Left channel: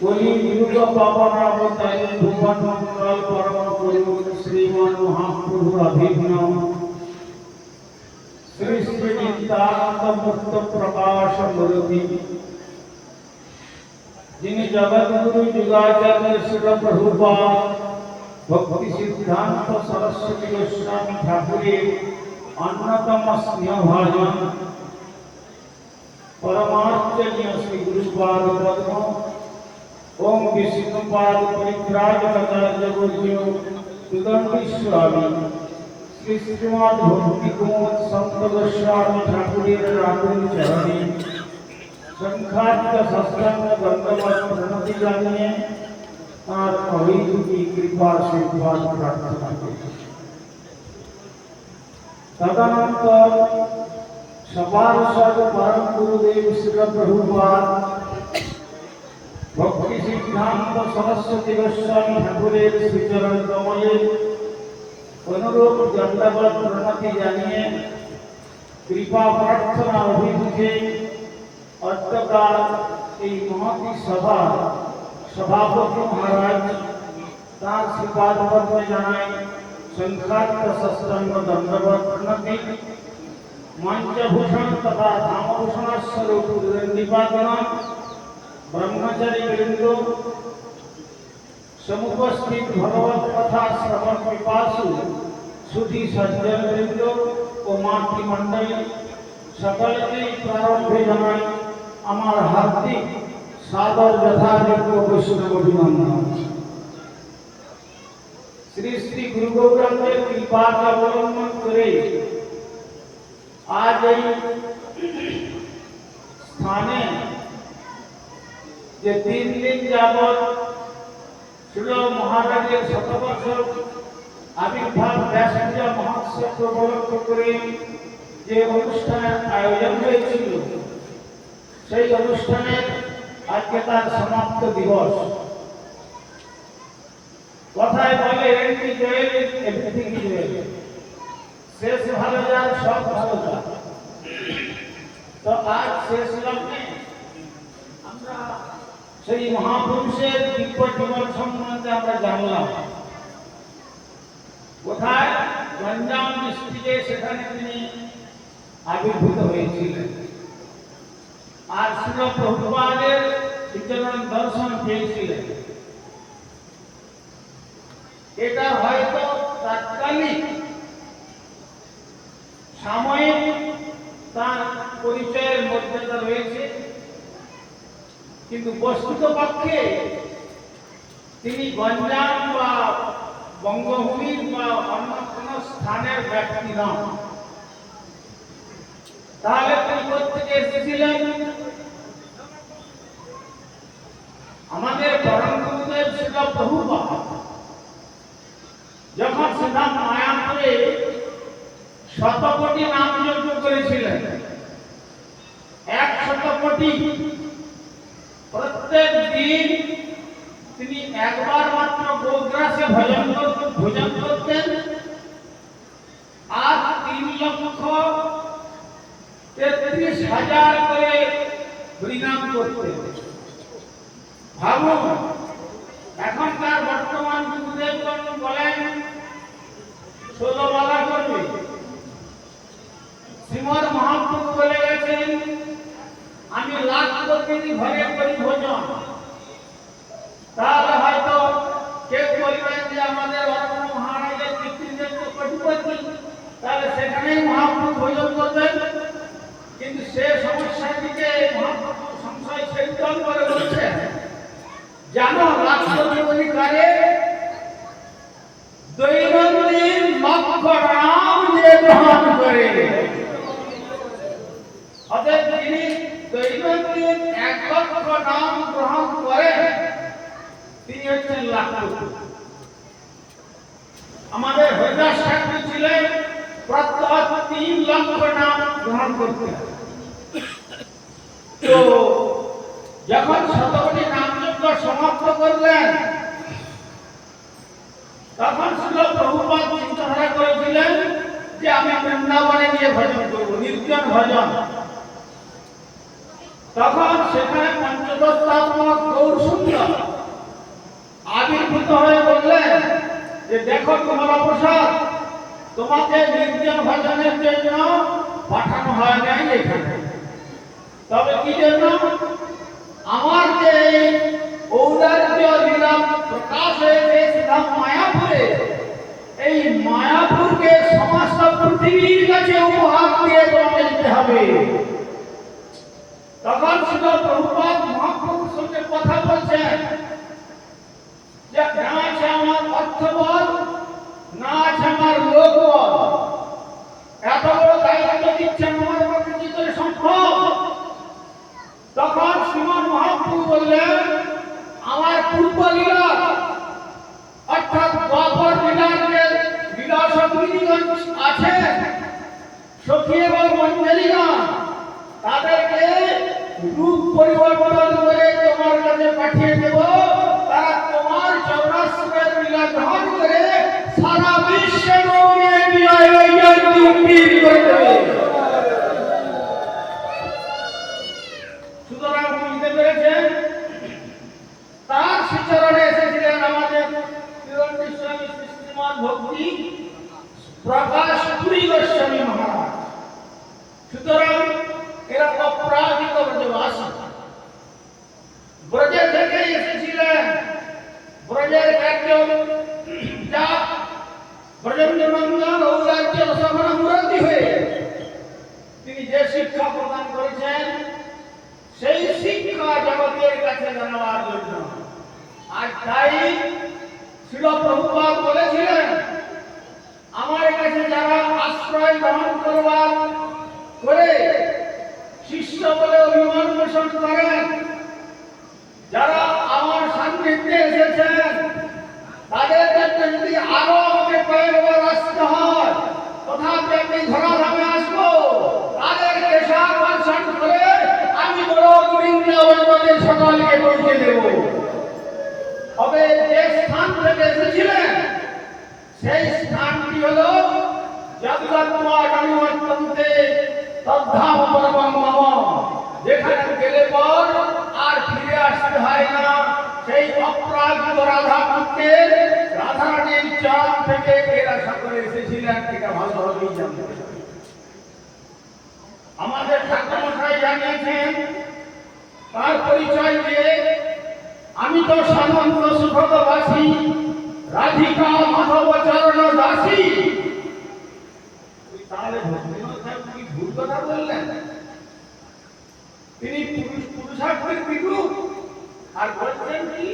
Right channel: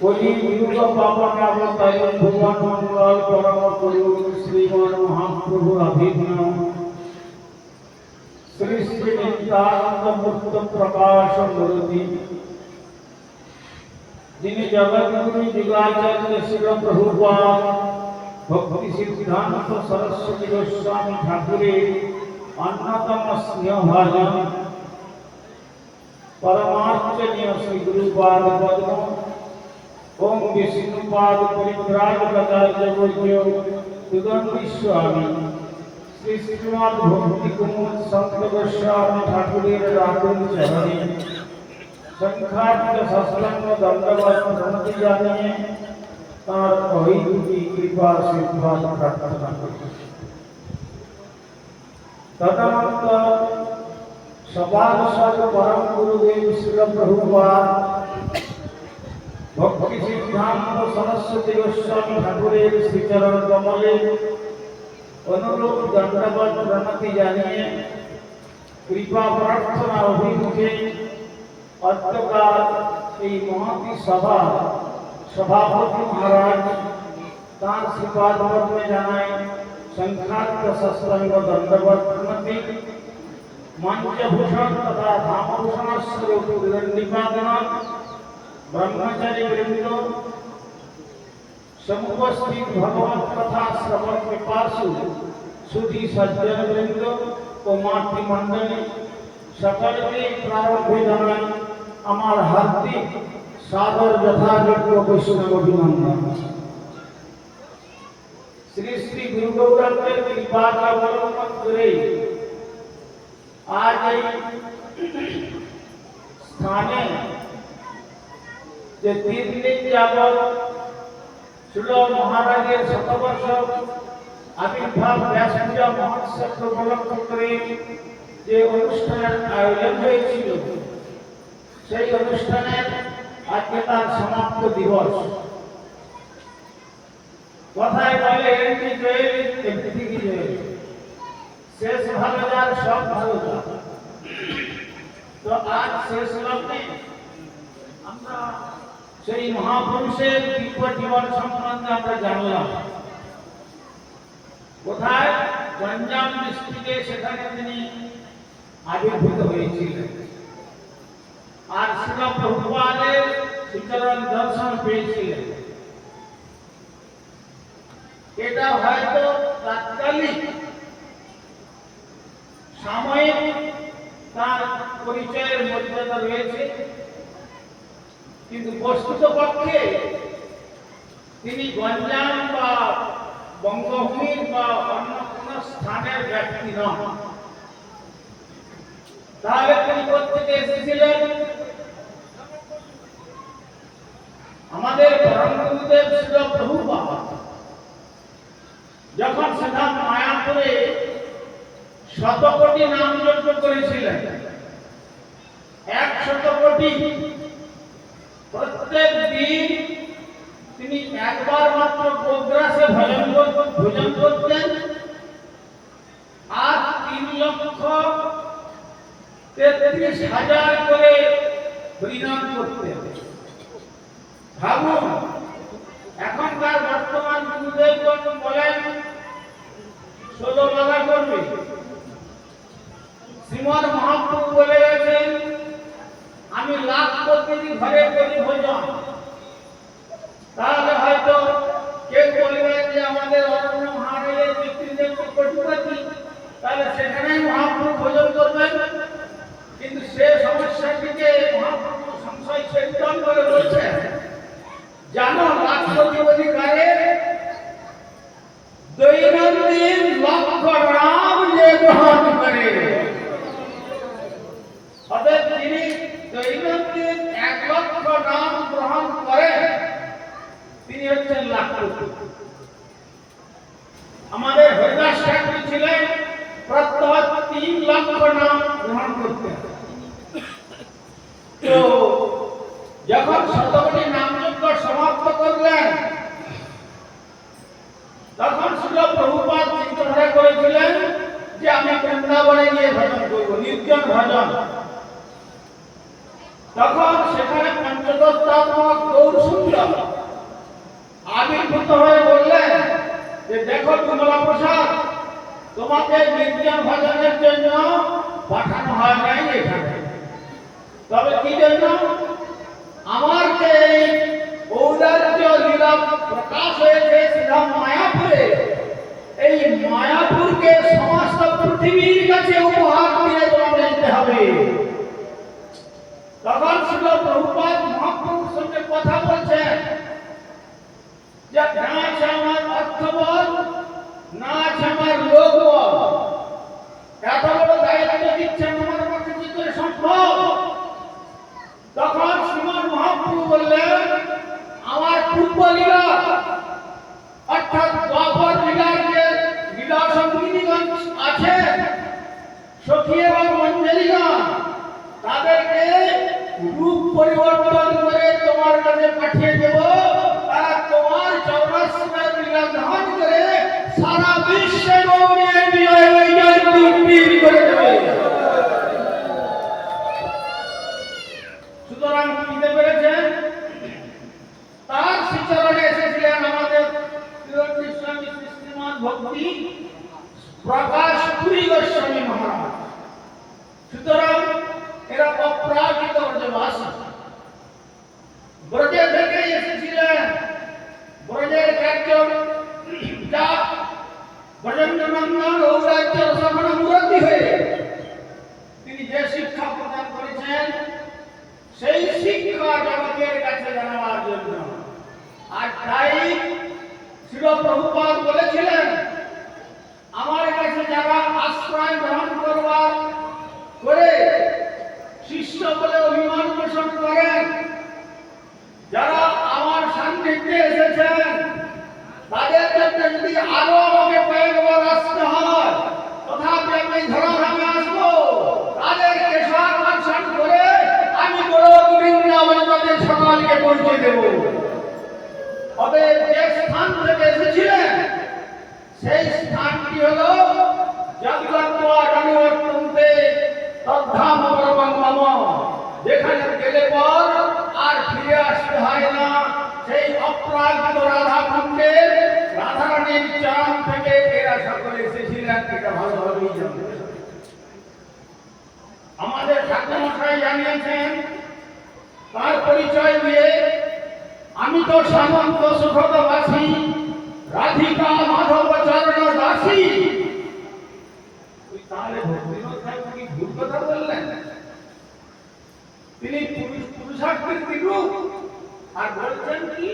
कोई विरुद्ध पापा नाम तय भगवान मंगल परम गुरु श्री मान महाप्रभु अभिज्ञान श्री श्री नित्यानंद मुक्त प्रकाश मूर्ति जिन जगत गुरु युगाचार्य श्री प्रभुपाद भक्ति सिद्धांत सरस्वती गोस्वामी ठाकुर अन्नतम स्नेह भाजन परमात्मनीय श्री गुरुपाद पद्म ओम विष्णु पाद परिक्राज विष्णुपाद परित्राजपदाचर्यो सुदर्णस्वामी श्री श्रीनाथ भक्ति कुमत संतदस्वामी ठाकुरेर संख्यात का शंखात्य में दंडवत प्रणति जानिए तार अभिधु की कृपा से सिद्धांत प्रार्थना करें तदनंतर सपाल सद परम गुरुदेव श्री प्रभुपाद সিদ্ধান্ত সরস্বতী গোস্বামী ঠাকুরের শ্রীচরণ কমলে অনুরূপ দণ্ডবত প্রণতি জানিয়ে কৃপা প্রার্থনা অভিমুখে অত্যকাল এই মহতি সভা সভাপতি মহারাজ তার শ্রীপাদ পদ্মে জানায় সংখ্যাত্ম সৎসঙ্গ দণ্ডবত প্রণতি মঞ্চভূষণ তথা ধামভূষণস্বরূপ নিপাতন ব্রহ্মচারী বৃন্দ সমুপস্থিত ভগবত কথা শ্রবণ পিপাসু সুধী সজ্জন বৃন্দ ও মাতৃমণ্ডলী সকলকে প্রারম্ভে জানাই আমার হার্দিক সাদর যথাযোগ্য বৈষ্ণব অভিনন্দন শ্রী শ্রী গুরু গৌরাঙ্গের কৃপাকে অবলম্বন করে আজ এই স্থানে যে তিন দিন যাবৎ ছিল মহারাজের শতবর্ষ আবির্ভাব ব্যাস পূজা মহোৎসব উপলক্ষ করে যে অনুষ্ঠানের আয়োজন হয়েছিল, সেই অনুষ্ঠানের আজকে তার সমাপ্ত দিবস। কথায় বলে এমনি জয়েল শেষ ভালো যার সব ভালো তো আজ শেষ লগ্নে আমরা সেই মহাপুরুষের দিব্য জীবন সম্বন্ধে আমরা জানলাম। কোথায়? গঞ্জাম ডিস্ট্রিক্টে সেখানে তিনি আবির্ভূত হয়েছিলেন। আর শিল প্রভুপাদের বিচরণ দর্শন পেয়েছিলেন। এটা হয়তো তাৎকালিক সাময়িক তার পরিচয়ের মধ্যে রয়েছে। কিন্তু বস্তুত পক্ষে তিনি গঞ্জাম বা বঙ্গভূমির বা অন্য কোন স্থানের ব্যক্তি নন। তাহলে তিনি কোথেকে এসেছিলেন? আমাদের পরম গুরুদেব ছিল প্রভুপাদ যখন সিদ্ধান্ত মায়াপুরে শত কোটি নাম যজ্ঞ করেছিলেন, এক শত কোটি প্রত্যেক দিন তিনি একবার মাত্র গোগ্রাসে ভজন করতেন ভোজন করতেন। আর তিন লক্ষ তেত্রিশ হাজার করে হরিনাম করতেন। ভাবুন, এখনকার বর্তমান গুরুদেবগণ বলেন, ষোলো বাধা করবে। শ্রীমদ মহাপ্রভু বলে গেছেন আমি লাখ প্রতিদিন ঘরে করি ভোজন তাহলে হয়তো কেউ বলবেন যে আমাদের অরণ্য মহারাজের পিতৃদেব তো কোটিপতি। তাহলে সেখানেই মহাপ্রভু ভোজন করবেন। কিন্তু সে সমস্যাটিকে মহাপ্রভু সংশয় সেবিতন করে বলছে। জানো, লাখ প্রতিপতি কারে? দৈনন্দিন লক্ষ রাম যে গ্রহণ করে অতএব যিনি দৈনন্দিন এক নাম নাম যখন সমাপ্ত করলেন, তখন ছিল প্রভুপাদ চিন্তাধারা করেছিলেন যে আমি বৃন্দাবনে গিয়ে ভজন করব, নির্জন ভজন। তখন সেখানে পঞ্চদশ গৌর আবির্ভূত হয়ে বললেন যে দেখো তোমরা প্রসাদ তোমাকে নির্জন ভজনের জন্য পাঠানো হয় নাই এখানে। তবে কি জন্য? আমার যে ঔদার্য লীলা প্রকাশ হয়েছে সেটা মায়াপুরে, এই মায়াপুরকে সমস্ত পৃথিবীর কাছে উপহার দিয়ে তোমাকে যেতে হবে। তখন শিল প্রভুপাদ মহাপ্রভুর সঙ্গে কথা বলছেন যে না আছে আমার অর্থবল, না আছে আমার লোকবল। এত বড় দায়িত্ব দিচ্ছেন আমার পক্ষে কি করে সম্ভব। তখন শ্রীমান মহাপ্রভু বললেন, আমার পূর্ব লীলা অর্থাৎ বাপর লীলার যে লীলা সংগীতিগণ আছে, সখী এবং মঞ্জলিগণ, তাদেরকে রূপ পরিবর্তন করে তোমার কাছে পাঠিয়ে দেব। তারা তোমার চৌরাস্তার গ্রহণ করে সারা বিশ্বে বিজয় বিজয় করে দেবে সুতরাং বুঝতে পেরেছেন তার শিচরণে এসেছিলেন আমাদের তিরন্ডি স্বামী সৃষ্টিমান ভক্তি প্রকাশ পুরী গোস্বামী মহারাজ সুতরাং এরা অপ্রাকৃত ব্রজবাসী ব্রজে থেকে এসেছিলেন ব্রজের কার্য যা ব্রজেন্দ্র নন্দন ঔরাজ্য সভানা মুরব্বী হয়ে তিনি যে শিক্ষা প্রদান করেছেন সেই শিক্ষা জগতের কাছে জানাবার জন্য আর তাই শিল প্রভুপাদ বলেছিলেন আমার কাছে যারা আশ্রয় গ্রহণ করবার করে শিষ্য বলে অভিমান পোষণ করেন যারা আমার এসেছেন তাদের জন্য যদি আরও আমাকে কয়েকবার আসতে হয়, তথাপি আমি ধরাধামে আসব। তাদেরকে সাকর্ষণ করে আমি বড় বৃন্দাবন তাদের সকলকে পৌঁছে দেব। অতএব যে স্থান থেকে এসেছিলেন, সেই স্থানটি হলো জগৎমা জনবর্তন্তে তদ্ধাম পরমং মম যেখানে গেলে পর আর ফিরে আসতে হয় না। সেই অপ্রাকৃত রাধা কুণ্ডের রাধারানীর চাম থেকে এরা সকলে এসেছিলেন, এটা ভালোভাবেই জানতে। আমাদের ঠাকুরমশাই জানিয়েছেন, তার পরিচয় দিয়ে আমি তো সামন্ত সুখদবাসী রাধিকা মাধব চরণ দাসী তাহলে কথা বললেন? তিনি পুরুষ পুরুষার্থের বিরূপ আর বলছেন কি?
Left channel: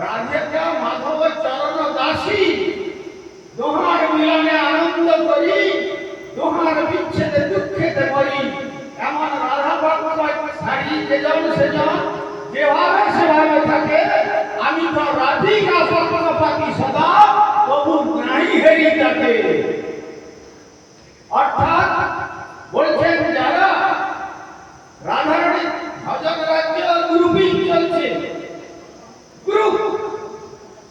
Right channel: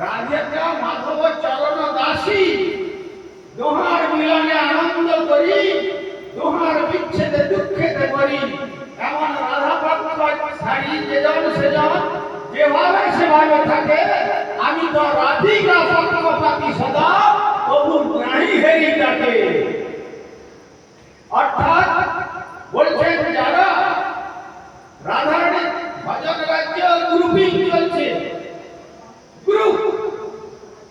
রাধিকা মাধব চরণ দাসী, দোহার মিলনে আনন্দ করি, দোহার বিচ্ছেদে দুঃখেতে করি এমন রাধা ভক্ত ছাড়ি যেজন সেজন যেভাবে সেভাবে থাকে, আমি তো রাধিকা পক্ষপাতি সদা তবু নাই হেরি তাকে। অর্থাৎ বলছেন যারা রাধারানী ভজন রাজ্য গ্রুপিং চলছে গ্রুপ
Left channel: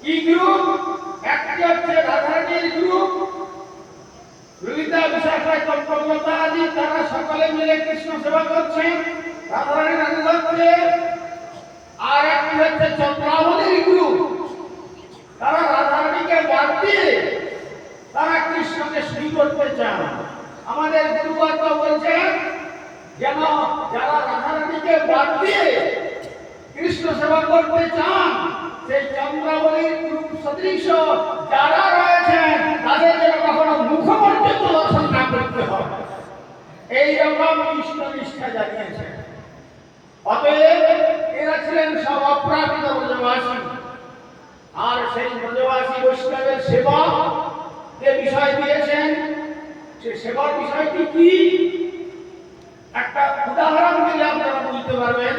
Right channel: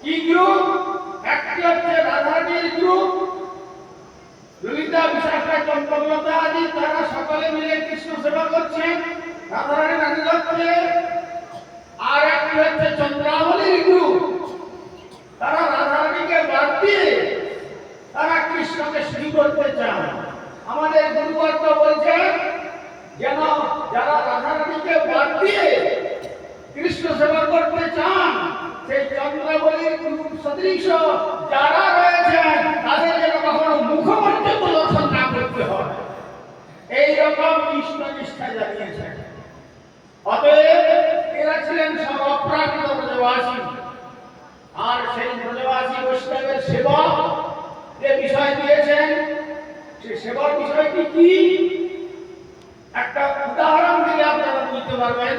কি গ্রুপ একটি হচ্ছে রাধারানীর গ্রুপ ললিতা চম্পলতা আদি তারা সকলে মিলে কৃষ্ণ সেবা করছেন রাধারানী রানী হচ্ছে আর একটি হচ্ছে চন্দ্রাবলীর গ্রুপ তারা রাধারানীকে বাদ দিয়ে তারা কৃষ্ণকে শ্রী করতে চান আমাদের গুরুবর্গ বলছে, যেন যারা রাধারানীকে বাদ দিয়ে কৃষ্ণ সেবা করতে চান, সেই চন্দ্রাবলীর গ্রুপ সদৃশ যারা রয়েছেন, তাদের যেন কখনো মুখমর্জিত দর্শন না করতে হয় এই কৃষ্ণ নিষ্ঠা জানিয়েছেন অতএব এরা ছিলেন সব অপ্রাকৃত ব্রজবাসী। আর সেই ব্রজবাসী বৈষ্ণবের সেবা যে বিষয় দিয়েছেন, সে সেবার বিষয়টি কি? একটা উদাহরণ দিলে আপনারা বুঝতে পারবেন।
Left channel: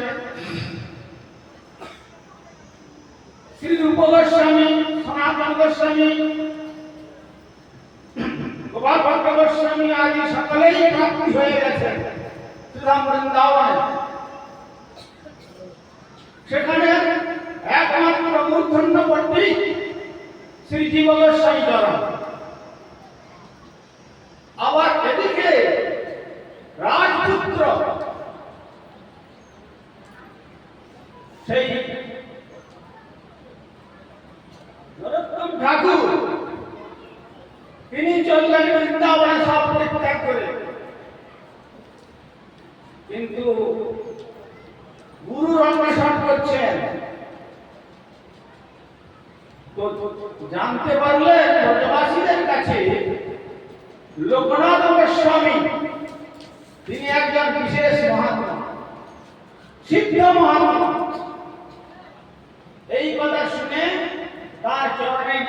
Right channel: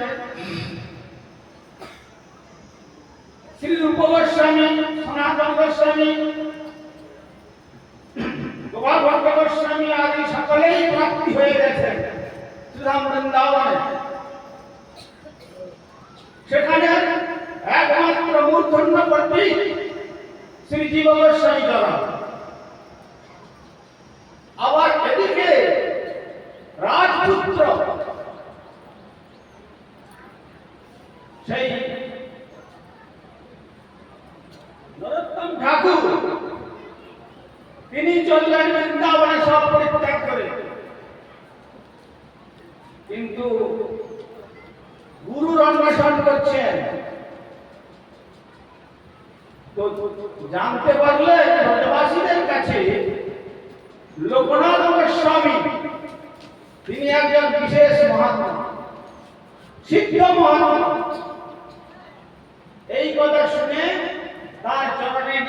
শ্রী রূপ গোস্বামী সনাতন গোস্বামী গোপাল ভট্ট গোস্বামী আদি সকলেই প্রাপ্তি হয়ে গেছেন। সুধাম বৃন্দাবনে সেখানে একমাত্র মূর্ধন্য পণ্ডিত শ্রী জীব গোস্বামী দ্বারা আবার এদিকে রাজপুত্র সেই ঠাকুর তিনি চললেন বৃন্দাবনে সব পরিত্যাগ করে কিন্তু গুরুর অন্বেষণ করছেন তো জানতে পারলে ব্রজবাসীদের কাছে লোকনাথ গোস্বামী তিনি একজন বিশেষ মহাত্মা সিদ্ধ মহাত্মা এই কথা শুনে তার চরণে যে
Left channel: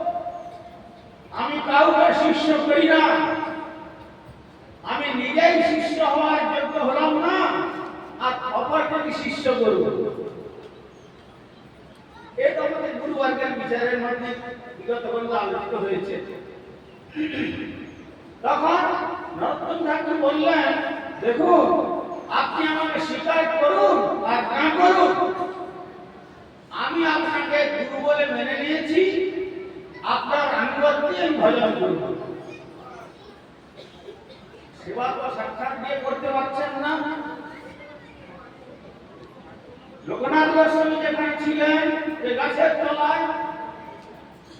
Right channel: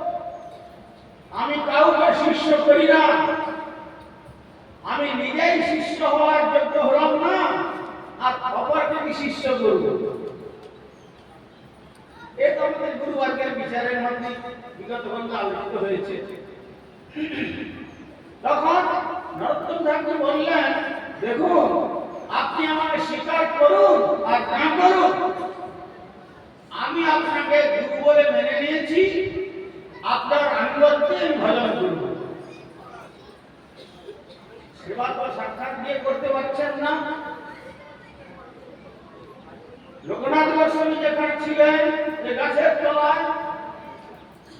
আমি কাউকে শিষ্য করি না। আমি নিজেই শিষ্য হওয়ার যোগ্য হলাম না, আর অপরকে কি শিষ্য করব। এ তো আমাদের গুরুবর্গের বিচারের মধ্যে বিগত বন্ধু আলোচিত হয়েছে। তখন নরোত্তম ঠাকুর বললেন, দেখুন, আপনি আমাকে স্বীকার করুন আমি আপনাকে গুরু বলে মেনে নিয়েছি আপনার আমি ভজন করব সেবা তো সাক্ষাৎ দিয়ে করতে পারছেন না। লোকনাথ গোস্বামী যেখানে ছিলেন যে গাছের তলায়,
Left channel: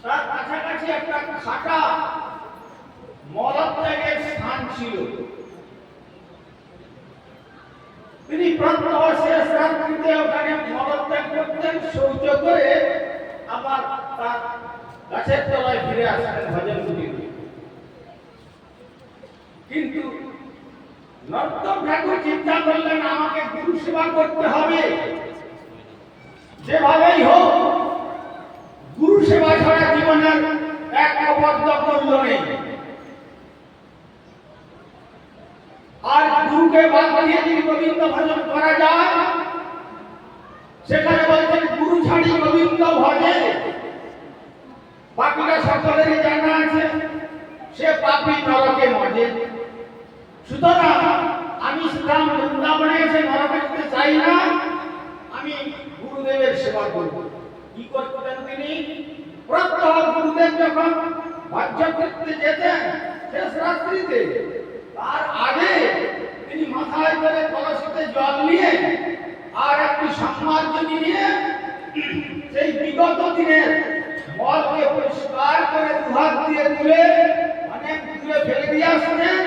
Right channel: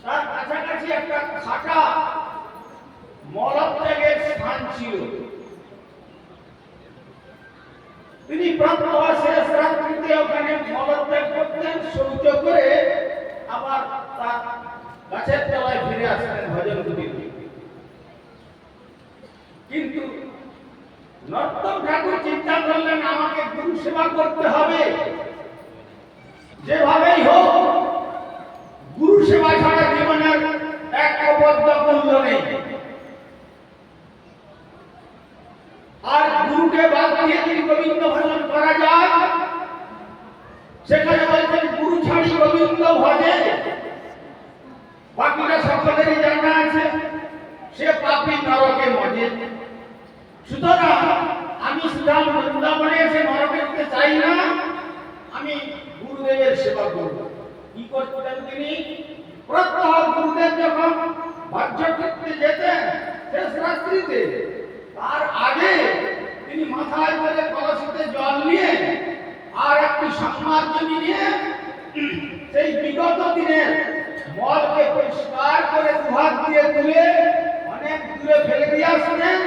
তার কাছাকাছি একটা খাটা, মলত্যাগের স্থান ছিল। তিনি প্রান্তবাসে রাত্রিতে ওখানে মলত্যাগ করতেন শৌচ করে আবার তার গাছের তলায় ফিরে আসতেন ভজন করতে কিন্তু নর্তম ঠাকুর চিন্তা করলেন, আমাকে গুরু সেবা করতে হবে। যেভাবেই হোক, গুরু সেবা ছাড়া জীবনের এক অবদ্ধ মূল্য নেই। আর গুরুকে বাদ দিয়ে যদি গোবিন্দ ভজন করা যায়, সেখানে বলছেন, গুরু ছাড়ি গোবিন্দ ভজে। বাকিটা সকলেরই জানা আছে। সে পাপি নরকে মজে। সুতরাং আমি শ্রীরাম বৃন্দাবনে এসে নরকে যেতে চাই না। আমি গুরুদেবের সেবা করব। কি করতেন তিনি? প্রত্যহ গুরুদেব যখন ভাগ্য করতে যেতেন, শেষ রাত্রিতে, তার আগে তিনি মাথায় করে কলসিতে জল নিয়ে আর একটি সম্মার্জনী নিয়ে সেই বিগত দিনের মলকে পরিষ্কার করে দুহাত দিয়ে তুলে অনেক দূরে ফেলে দিয়ে আসতেন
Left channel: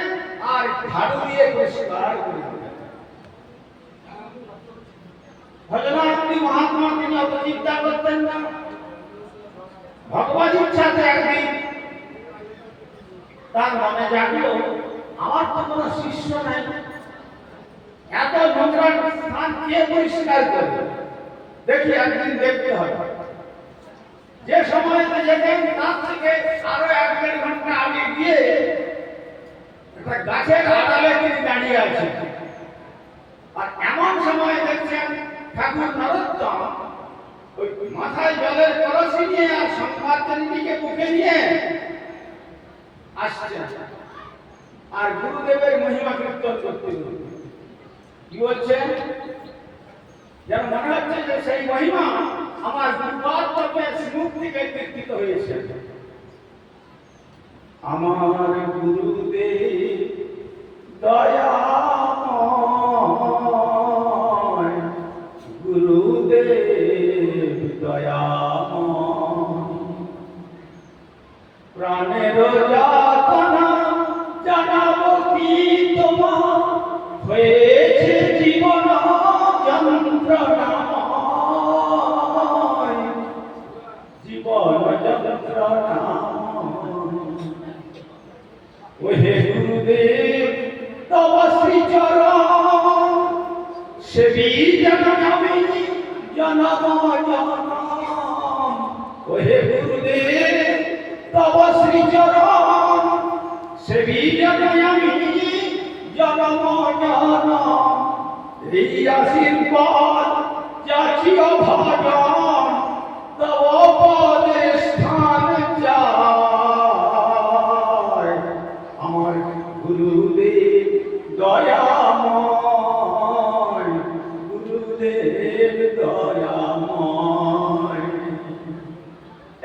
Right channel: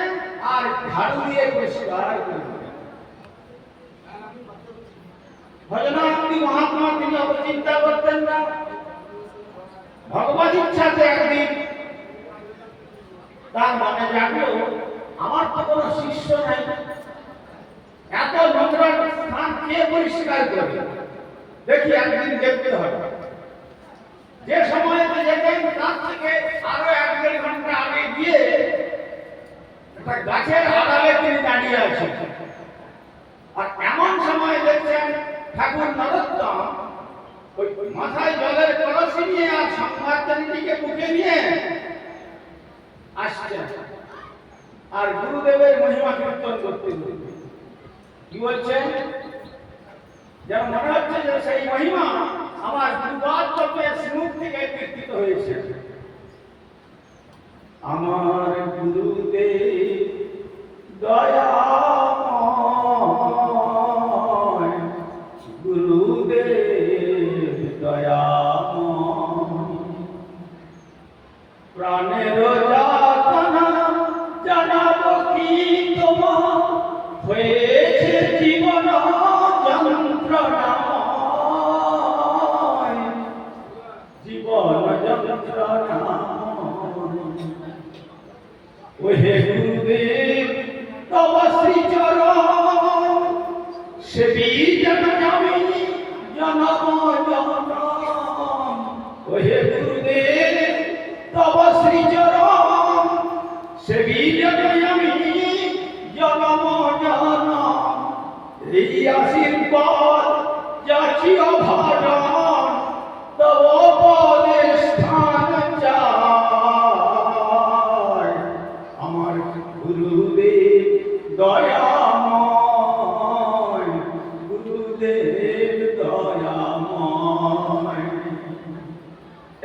আর ঝাড়ু দিয়ে পরিষ্কার করে ভজনার্থী মহাত্মা তিনি অত চিন্তা করতেন না, ভগবত ইচ্ছাতে একদিন তার মনে জাগলো, আমার তো কোনো শিষ্য নাই। এত নোংরা স্থান কে পরিষ্কার করবে? দেখি একদিন দেখতে হবে। যে সময়তে যেতেন তার থেকে আরও এক দেড় ঘণ্টা আগে গিয়ে একটা গাছের আড়ালে তিনি দাঁড়িয়ে আছেন। আর এমন সময় দেখছেন ঠাকুর নরোত্তম ওই মাথায় জলের কলসি নিয়ে আর সংবাদদানিটিকে বুকে নিয়ে আসছেন। আর গুরুদেবের মহিমা কীর্তন করতে করতে। কি বলছেন? যেন মনে হচ্ছে যে সেই মহিমা আমার গুরুপাদ চক্রের মুখ থেকে কীর্তিত হয়েছে। আমার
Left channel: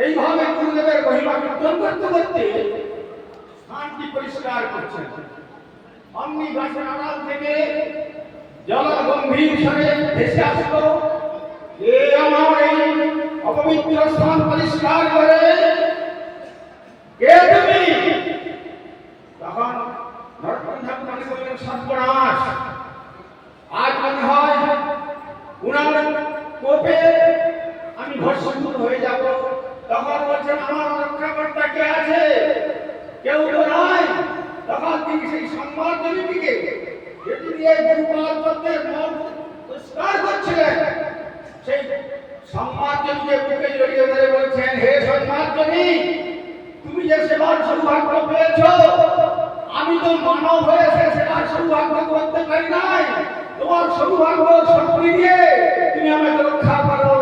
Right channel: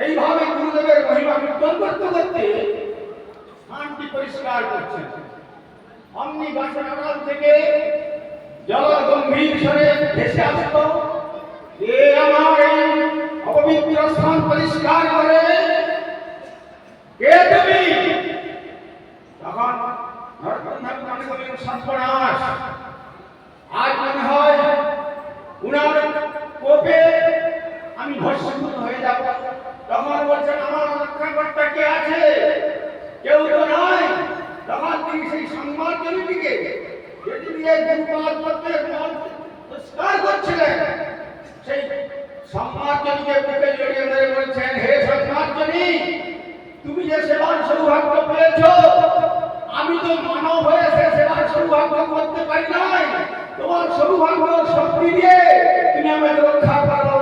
এইভাবে গুরুদেবের মহিমা কীর্তন করতে করতে স্থানটি পরিষ্কার করছেন। অমনি গাছের থেকে জল গম্ভীর স্বরে ভেসে আসলো। অপবিত্র স্থান পরিষ্কার করে কে তুমি তখন সর্বনাশ। আজ মনে হয় উনার কোপে আমি ভস্মীভূত হয়ে যাব। তখন বলছেন, আমার রক্ষাকর্তা কে আছে? কেউ তো নয় তখন তিনি সেই সংবাদ জমিটিকে যেটি দিয়ে গুরুপাল পত্রের মন পরিষ্কার করছিলেন, সেই সংবাদজনীকে বুকে জড়িয়ে ধরে বলছেন, হে সংবাদজনী তুমি যে সেবার সৌভাগ্য পেয়েছ, আমি তো মানব হয়ে সে সেবার সৌভাগ্য করতে পারি নাই। তোমার সৌভাগ্য শক্তি দিয়ে তুমি আমাকে রক্ষা করো।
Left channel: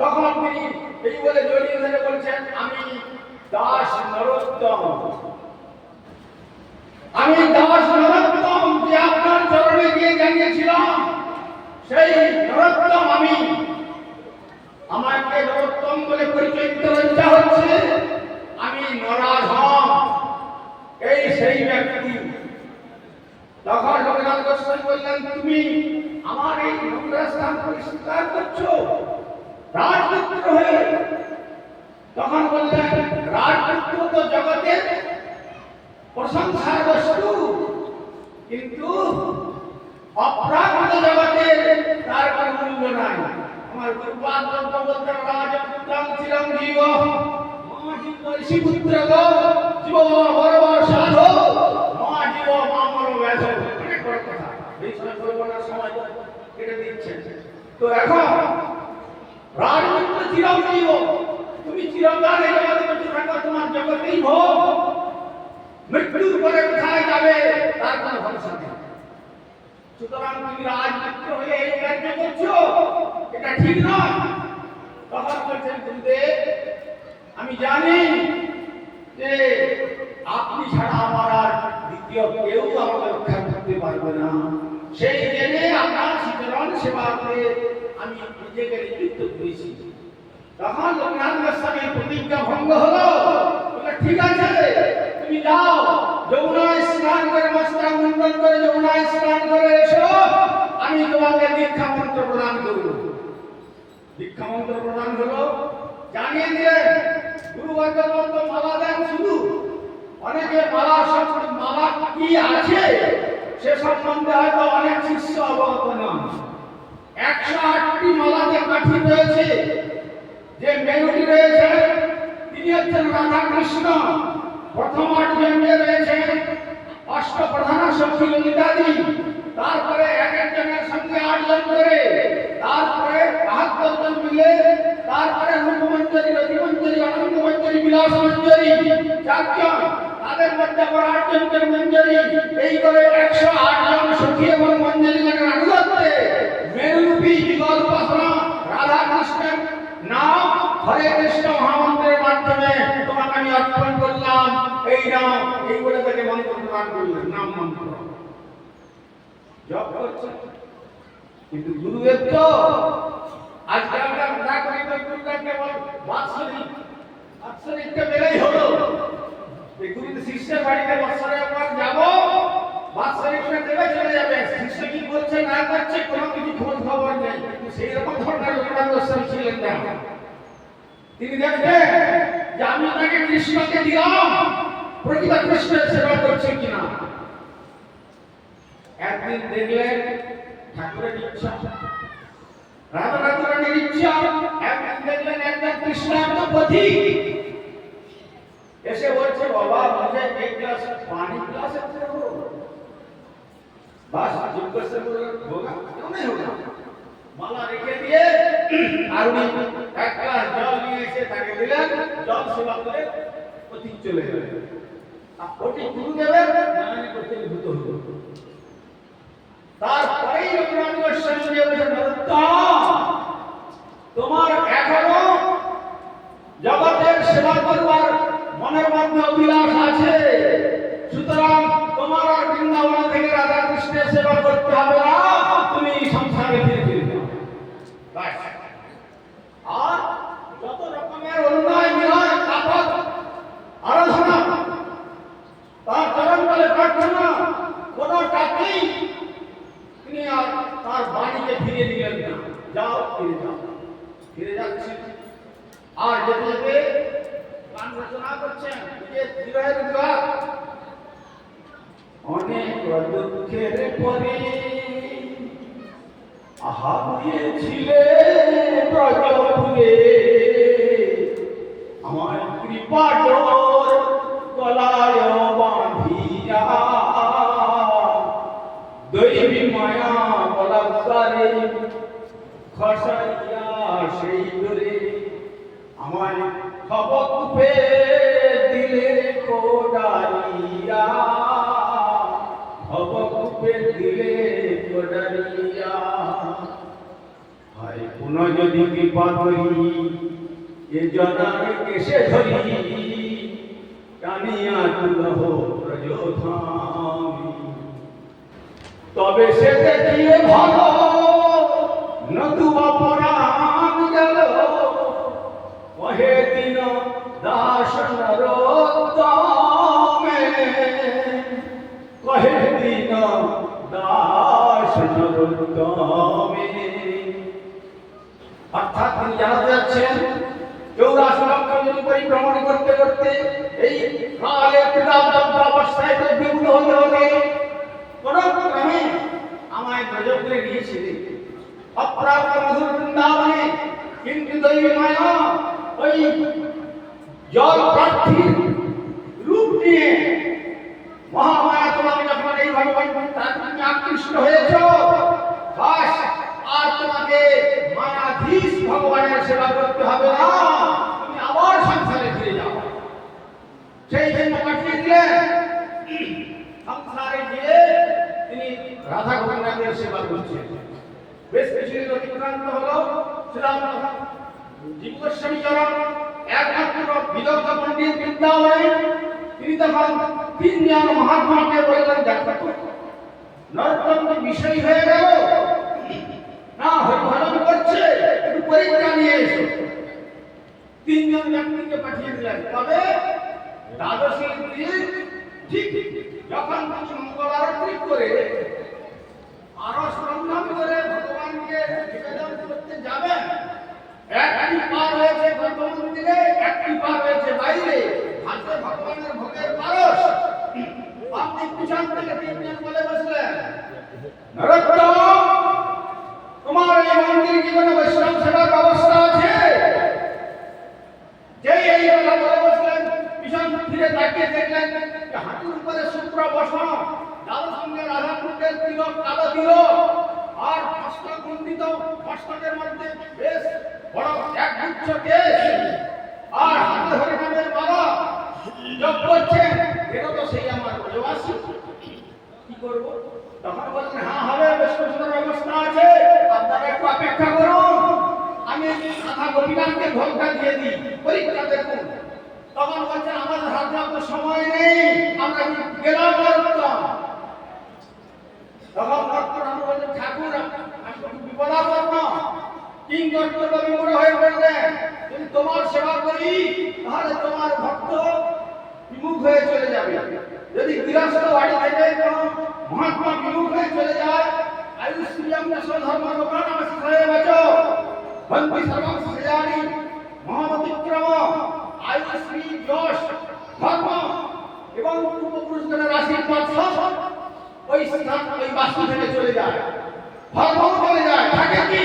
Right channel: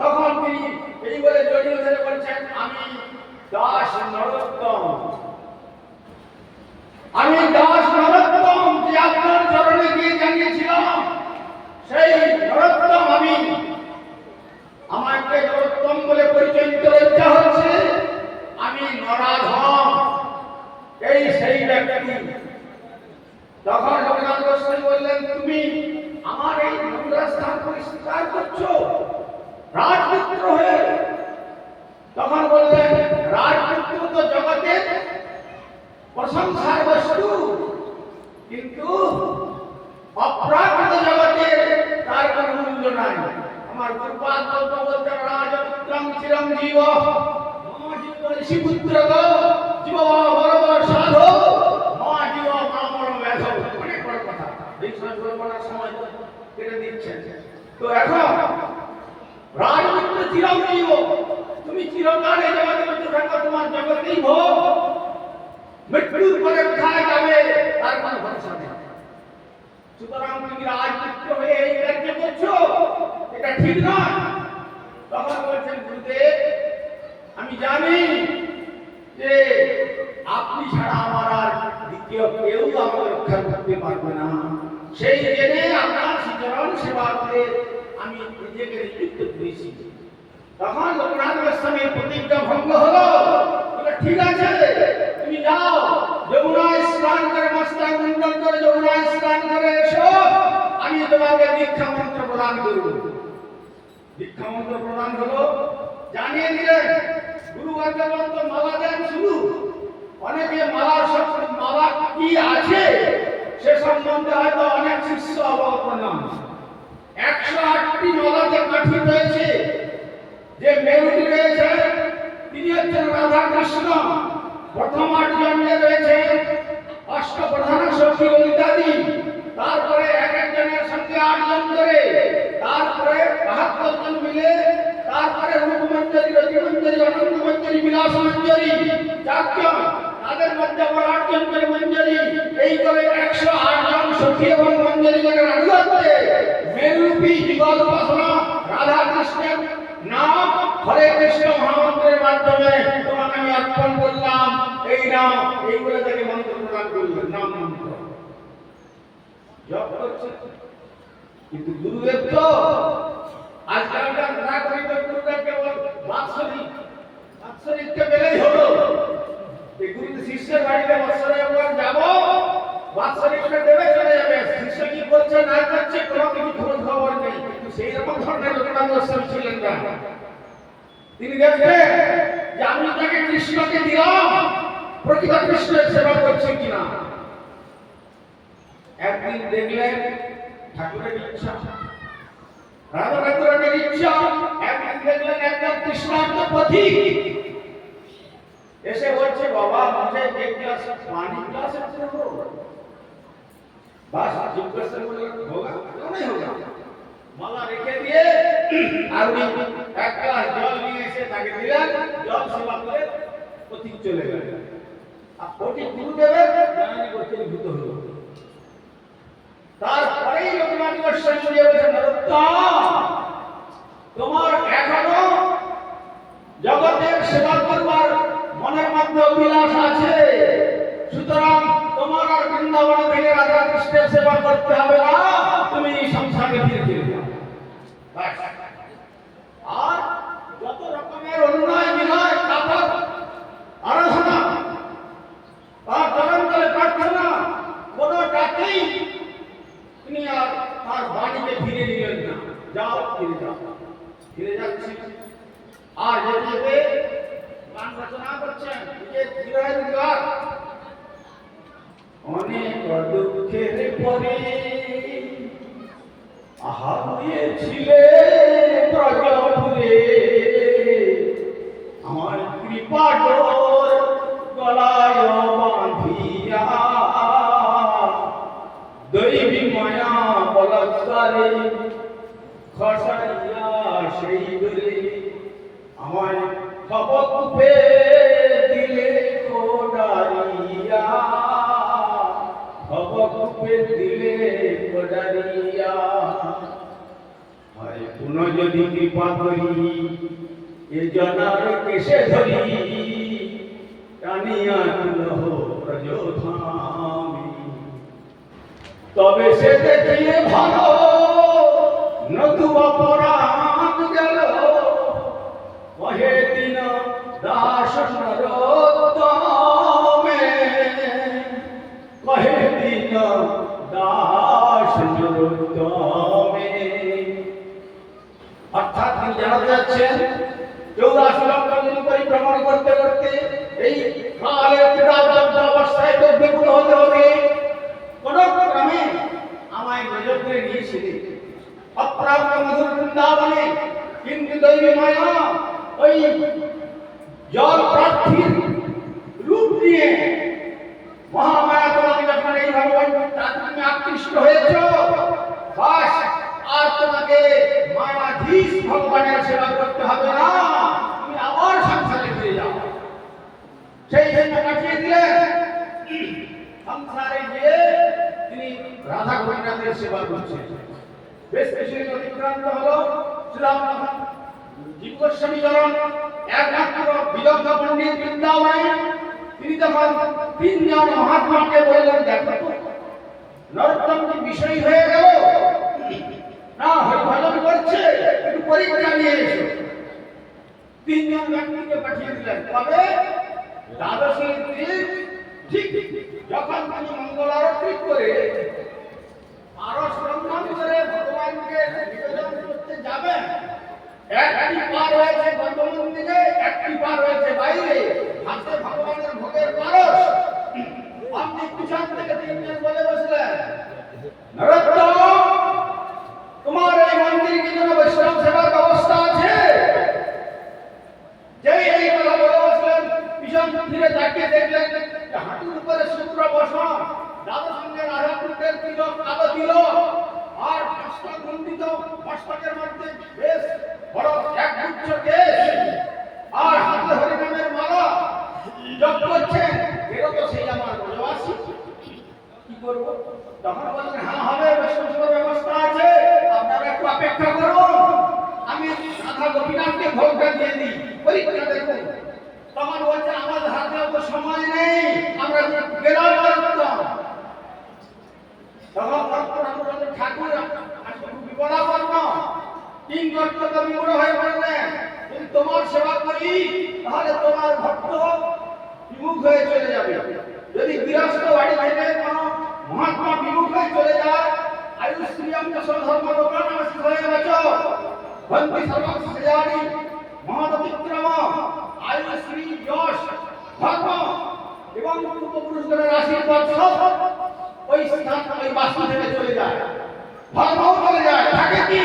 তখন তিনি এই বলে জড়িয়ে ধরে বলছেন, আমি দাস নরোত্তম। আমি দাস নরোত্তম যে আপনার চরণে গিয়ে জানিয়েছিলাম, সেই নরোত্তম আমি আমাকে নরোত্তম বলে পরিচয় দিতে হচ্ছে, আমি নরাধম। এই সেই ব্যক্তি। তখন লোকনাথ গোস্বামী বললেন, তুমি আমার এই নোংরা স্থান পরিষ্কার করছ, রাজপুত্র হয়ে। তখন বললেন, রাজপুত্র তো জগতের প্রশংসার বস্তু, কিন্তু অপ্রাকৃত জগতে তার কোনো মূল্য নাই। আমার গুরুপাদ বলতে বলতে রাজপুত্রং চিরঞ্জীব মা জীব ঋষি পুত্র জীব বড় মা জীব মা কথা। এই সময় না সময় কেটে দিচ্ছেন। তো এখন রাজপুত্র চিরঞ্জীব তুমি চিরকাল এই জগতে বেঁচে থাকো মৃত্যুর পরে কোথায় যাবে, তার কোনো সুতরাং তুমি রাজপুত্র হয়ে এই কার্য করছ। এটা ঠিক নয়। তখন বলছেন, গুরুদেব, আমি জানি যে আপনি ছাড়া আমার আর দ্বিতীয় কেউ আমাকে রক্ষা করতে পারবে না। সেই জেনে আপনার শ্রীচরণ সেবাতে আমি নিজেকে নিযুক্ত করেছি। তখন লোকনাথ গোস্বামীর প্রতিজ্ঞা ভঙ্গ হলো। ঠিক আছে, তুমি যাও। যমুনায় স্নান করে মস্তা মুন্ডন করে যমুনায় স্নান করে এসো। আমি তোমাকে দীক্ষা মন্ত্র প্রদান করব। দীক্ষা মন্ত্র প্রদান হলো, জানিয়ে দিলেন গুরু ভগবন্ত মালা দেন শুধু অনেকে মালা মালা কি আছে সে সম্বন্ধে হয়তো অনেক শিষ্য অবগত নয় একশো আটটি মালাতে কাঠি রয়েছে যে মেরুটি রয়েছে তিনি হচ্ছেন রাধা কৃষ্ণ প্রথম আটজন যে রয়েছে অষ্টপ্রধান শক্তি ললিতাদি তারপরে এক একজনের সঙ্গে আটজন করে তারপরে বাহাত্তর জন মিলে, তারপরে রূপমঞ্জরি রতিমঞ্জরি অনন্তমঞ্জরি বিলাস মঞ্জরি চারজন তাদের মধ্যে আবার মঞ্জরি। এই করে একশো আটজন সখী এবং মঞ্জরিগণের আনুগত্যে মেরুরূপী যুগল উপাসনা রাধা কৃষ্ণের নাম হরে কৃষ্ণ মহামন্ত্রের মাধ্যমে তোমাকে আমি অর্পণ করলাম। এই নাম এই বলে তাকে মন্ত্র প্রদান করলেন নাম মন্ত্র। জপ করছে। কিন্তু গুরুদেব তো আজকালকার না করি তো কেবল বাৎসরিক, বাৎসরিককে পেলেই হলো। এই গুরুদেব শিষ্যের বাড়িতে বৎসরে একবার যাব বাৎসরিকটা দেবে চলে যাবে। শিষ্য কি বলছে, না করছে, কোনো কিছু খোঁজ খবর নেই। কিন্তু সেই রকম ধরনের লোকনাথ গোস্বামী ছিলেন না। তিনি দেখবেন যে আমি তাকে কৃষ্ণকে দিলাম প্রতিভা কৃষ্ণের সেবা করছে কিনা। একদিন দেখলেন ঠাকুরের ইচ্ছা। রাধা ঠাকুরের ইচ্ছা একদিন দেখলেন একজন কৃষ্ণান্ত পথিক এসে বলছে বাবা मुझे एक गिलास पानी पिला सकते हो बस जिज्ञासा बोले होगा क्यों नहीं होगा মালা রেখে দিয়ে আর উনি এক গ্লাস জল নিয়ে এসে তাকে দিলেন জল সেবা করে পথিক চলে গেলেন আর পথিক গুরুদেবের জ্ঞানী করতে ভূত হলো তারপরেই রঘুনাথ গোস্বামী তোমার এখনও জগতের সেবা করবার মনের মধ্যে অভিলাষ আছে? সুতরাং তোমার আর বৃন্দাবন থেকে রাধা কৃষ্ণের সেবা করতে হবে না, তুমি সংসারে ফিরে ফিরে আর খবকে দিলে হায় পুনঃ যদি কৃপা করি, এ জনার কেসে ধরি, টানিয়া প্রযোধামি। তবে সে দেখিলে ভালো নতুবা পরাণ গেল। দিন দাস অর্থাৎ তিনি জানাতে যাচ্ছেন করতে করতে এই হতে হবে। কোন ক্রমে আমায় নজর করে নিয়েছিলেন অপ্রাপ্ত মধুর বৃন্দাবনে কিন্তু দৈবী মায়া ওই জল প্রার্থীর রূপ নিয়ে মহামায়া তোমাকে যখন এই ভগবান তার তুমি আকৃষ্ট হয়েছ বাস আর তোমাকে মায়াধীশ ভগবানের সেবা করতে হবে না। তুমি আবার সংসারে ফিরে যাও। সেই জন্য পাঠিয়ে দিলেন সংসারে গিয়ে তিনি রাধা গোবিন্দের সেবা করছেন। বেশ কিছুদিন অতিক্রান্ত হলো, শ্রীরাম জীব চরণ, একমাত্র বিদগ্ধ পণ্ডিত বৃন্দাবনে তিনি তখন তিনজন মহাত্মাকে বললেন, দেখো নরোত্তম কি বিষয় হয়ে গেল। না হরিভজন করছে পরীক্ষা নিয়ে এসো। তিনজন ব্যক্তিকে পাঠিয়ে দিলেন। তবে দ্বাদশীর দিন ঠিক যখন তিনি মঙ্গল আরতি করে পারস করে ভগবানকে নিবেদন করতে যাবেন, একটি পার হয়েছে গর্ভ মন্দিরে একটি পার হয়েছে বাইরে। হাতে ভগবানের ভোগের পারস। আপনি পিছন থেকে তিনজন বলে বসলেন। নরোত্তম তোমার এই মন্দির কি কোনো বৈষ্ণব সেবার ব্যবস্থা আছে যেই এই কথা বলে বসলেন পিছন ফিরে তাকিয়ে দেখলেন যে হাঁটুর উপরে শুক্র বসন দাদা সঙ্গে রাধা কুণ্ডের তিলক কালো তিলক, আর মস্তক কুণ্ডিত মস্তকের মধ্যে বেশ বড় এক গুচ্ছ কেশ। আর হাতে হরিনামের মালা জপ করছেন, এরও তো সেই আমার বলেবাসী কি করব? তখন বললেন হ্যাঁ হবে বৈষ্ণবের ব্যবস্থা আছে, আপনারা একটু অপেক্ষা করুন। আমি রাধা গোপীনাথকে ভোগটা দিয়ে দিই। পরীক্ষা দেখুন। তখন বলছেন, আমাদের হাতে অত সময় নেই, আমরা গেলাম করতাম তখন ভক্তরা আমরা বলছেন ঠাকুর বিপদাপন্ন। কিং কর্তব্য বিমূঢ় হয়ে বললেন যদি তোমার সেবা করি, তাহলে তোমার ভক্ত বিমুখ হয়ে চলে যাবে। যদি গৃহস্থ বাড়ি থেকে কোনো মহাত্মা বিমুখ হয়ে চলে যায় আয়ুষ্ক্রিয়াম স্বধর্ম লোকান হয়ে গেছ বন্দি সর্বস্ব সজানি মহাবতিক্রম আয়ুশ্রী যশ ধর্ম এবং পূর্বপুরুষদের আশীর্বাদ সব ওই স্থান ওই বাস্তু থেকে চলে যায়। ধর্মও চলে যায় থাকে কি?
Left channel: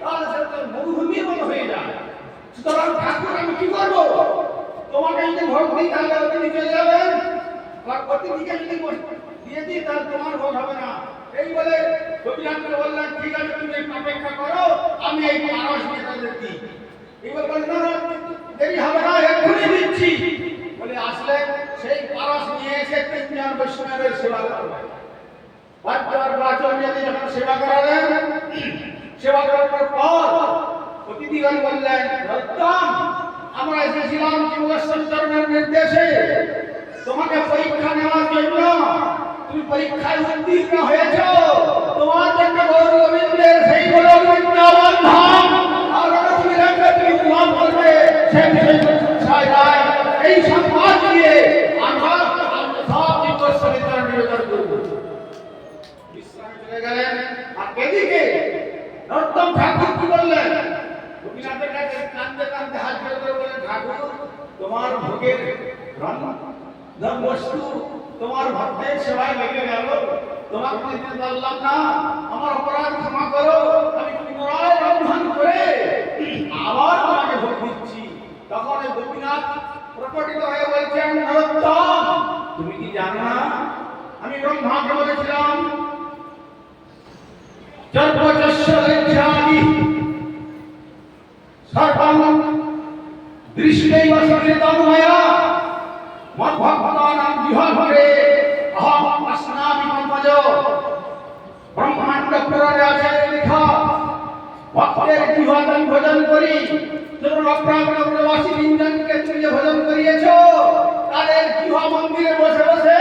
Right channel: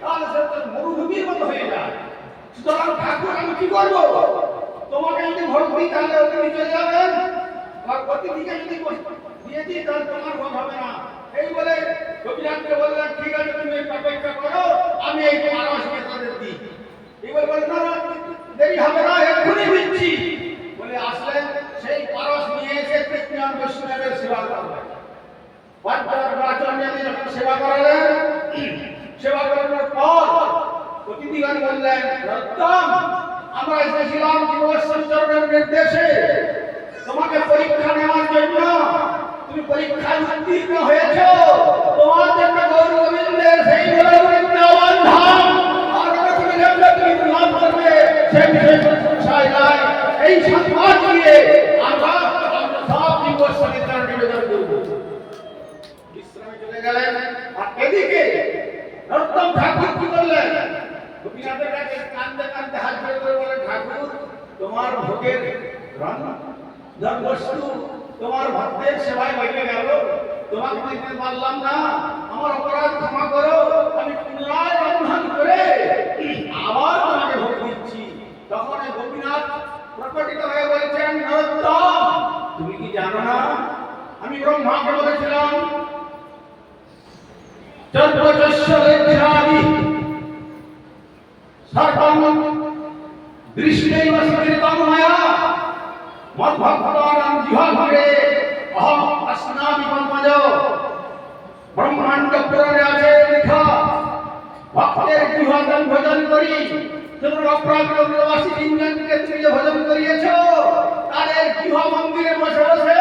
তাহলে সে তো মরুভূমির মতো হয়ে যায়। সুতরাং ঠাকুর আমি কি করব? তোমাকে যদি ভোট দিই তাহলে অতিথি চলে যাবেন। আর অতিথিকে যদি দিয়ে দিই তাহলে তোমার ভোট হবে না। এই বলে গোপীনাথকে বললেন ঠিক আছে তুমি অপেক্ষা করো আমি এই পারস নেতাদের দিই। এবার বললেন না, দেরি হবে না এক্ষুনি দিচ্ছি বলে আসলেন সেই পারস নিয়ে এসে কৃষ্ণ বৈষ্ণবের সেবা করলেন বাচ্চার বাচন যখন সেবা করালেন, সেবা করানোর পর অতিথিগণ বললেন, রত্তম, আমরা এসেছিলাম জীবসঞ্চরণের নির্দেশে। তোমাকে পরীক্ষা নেওয়ার জন্য। তুমি পরীক্ষায় উত্তীর্ণ হয়েছ। তোমার জন্য গৌর গোবিন্দের সেই বৃন্দাবন আর তুমি তুমি লাভ করবে। সে বিষয়ে কোনো সংশয় নাই এই সংবাদ দিয়ে হাত জোড় করে বলে ঠাকুর, তোমার ভোগের রান্না ধর বস্তু তোমার ভক্তের সেবায় লেগে গেল। তোমাকে দিতে পারলাম না। আমার অপরাধ ক্ষমা করো। আমি পুনরায় রন্ধন করে আবার তোমাকে ভোগ দিচ্ছি তখন এই গোপীনাথ প্রকটিত হয়ে বলছেন নরোত্তম তুমি কি জানো না আমি ব্রহ্মাকে বলেছিলাম জন্মযস্য লজ্জামি সর্বং দৃষ্টেইব স্মৃতং ময়া মদ্ভক্তানাং জিহ্বরে অহম অস্নামি মন্মজ ব্রহ্মাণ্ড পুরাণে আছে লেখা ভক্তের জিহ্বাদন ভোজন করি যেমন অপ্রাগ্রবাসী লিঙ্গনকে তুমি যে ভোজন করিয়েছ, তাদের জিহ্বা মন্দিরে বসে বসে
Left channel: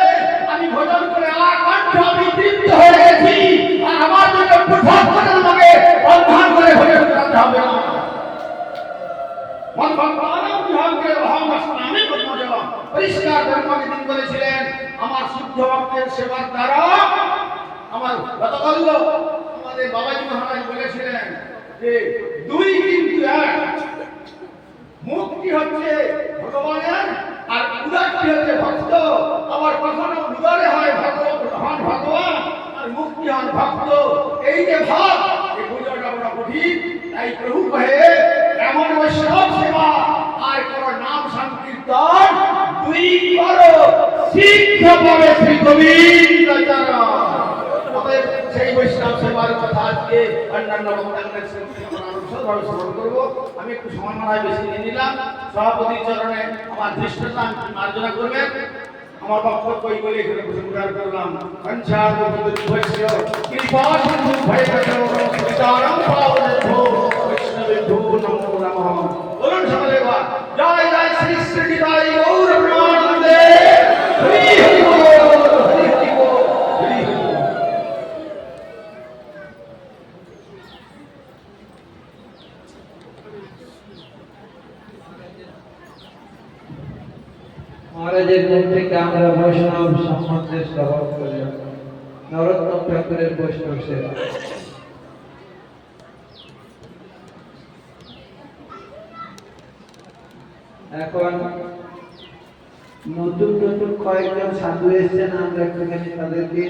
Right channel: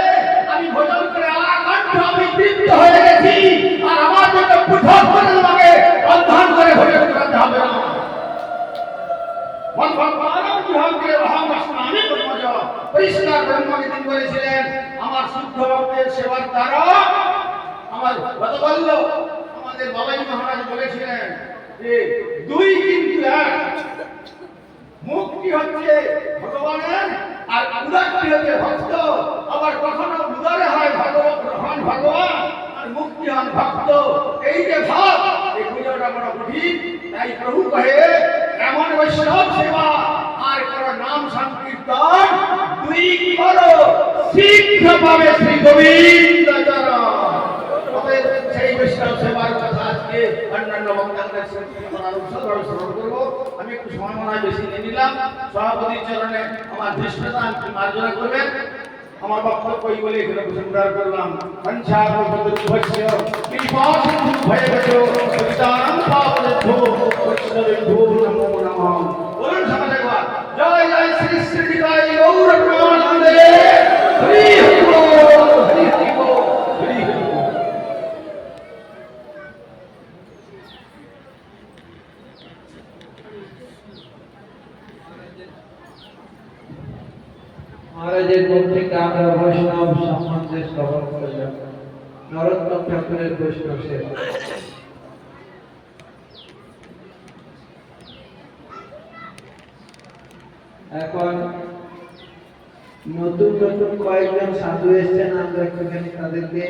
আমি ভোজন করে আকাণ্ঠ আমি তৃপ্ত হয়ে গেছি। আর আমার জন্য পৃথক করে তোমাকে বন্ধন করে ভোজন করাতে হবে না। মন ভগবানও বিভাগকে অহম স্নানে পদ্মজ পরিষ্কার ব্রহ্মকে আমার শুদ্ধ ভক্তের সেবার দ্বারা আমার গতকাল আমাদের বাবাজি মহারাজ বলেছিলেন যে দুই কিন্তু এক মুক্তি হচ্ছে ভগবানের, আর উদারটি হচ্ছে ভক্ত, আবার কখনো উদারে হয় ভগবান ভগবান, আর মুক্তি হন ভক্ত। এই যে ভাব, এই পুজোটা বড় কঠিন। তাই প্রভু কহে এমন বৈষ্ণব সেবা, আর করো নাম সংকীর্তন, দুই করো, শীঘ্র পাবে শ্রী গোবিন্দ চরণ। করব। আমি একটু সময় মনে বেশি নিয়ে নিলাম। সভাপতির চরণে আমার ধৃষ্টতা মার্জনা করবেন। আমার বক্তব্য বলে এখানে করলাম। হংসার ভৈষ্য কৃপাসিন্ধু ভয় বচো সীতারাম পাবনেভ্যো বৈষ্ণবেভ্যো নমো নমঃ। বলুন একবার। জয় জয়, শ্রী শ্রী গৌর প্রেমানন্দে হরি হরি বল হরি হরি বল হরি হরি বল মহারাজের মুখ থেকে আমরা বৈষ্ণব সম্বন্ধে শ্রবণ করলাম নরোত্তম ঠাকুরের বৈষ্ণব সেবা। এখন নতুন নতুন কয়েকজন সাধু এসছেন আমরা একটুখানি তাদেরকে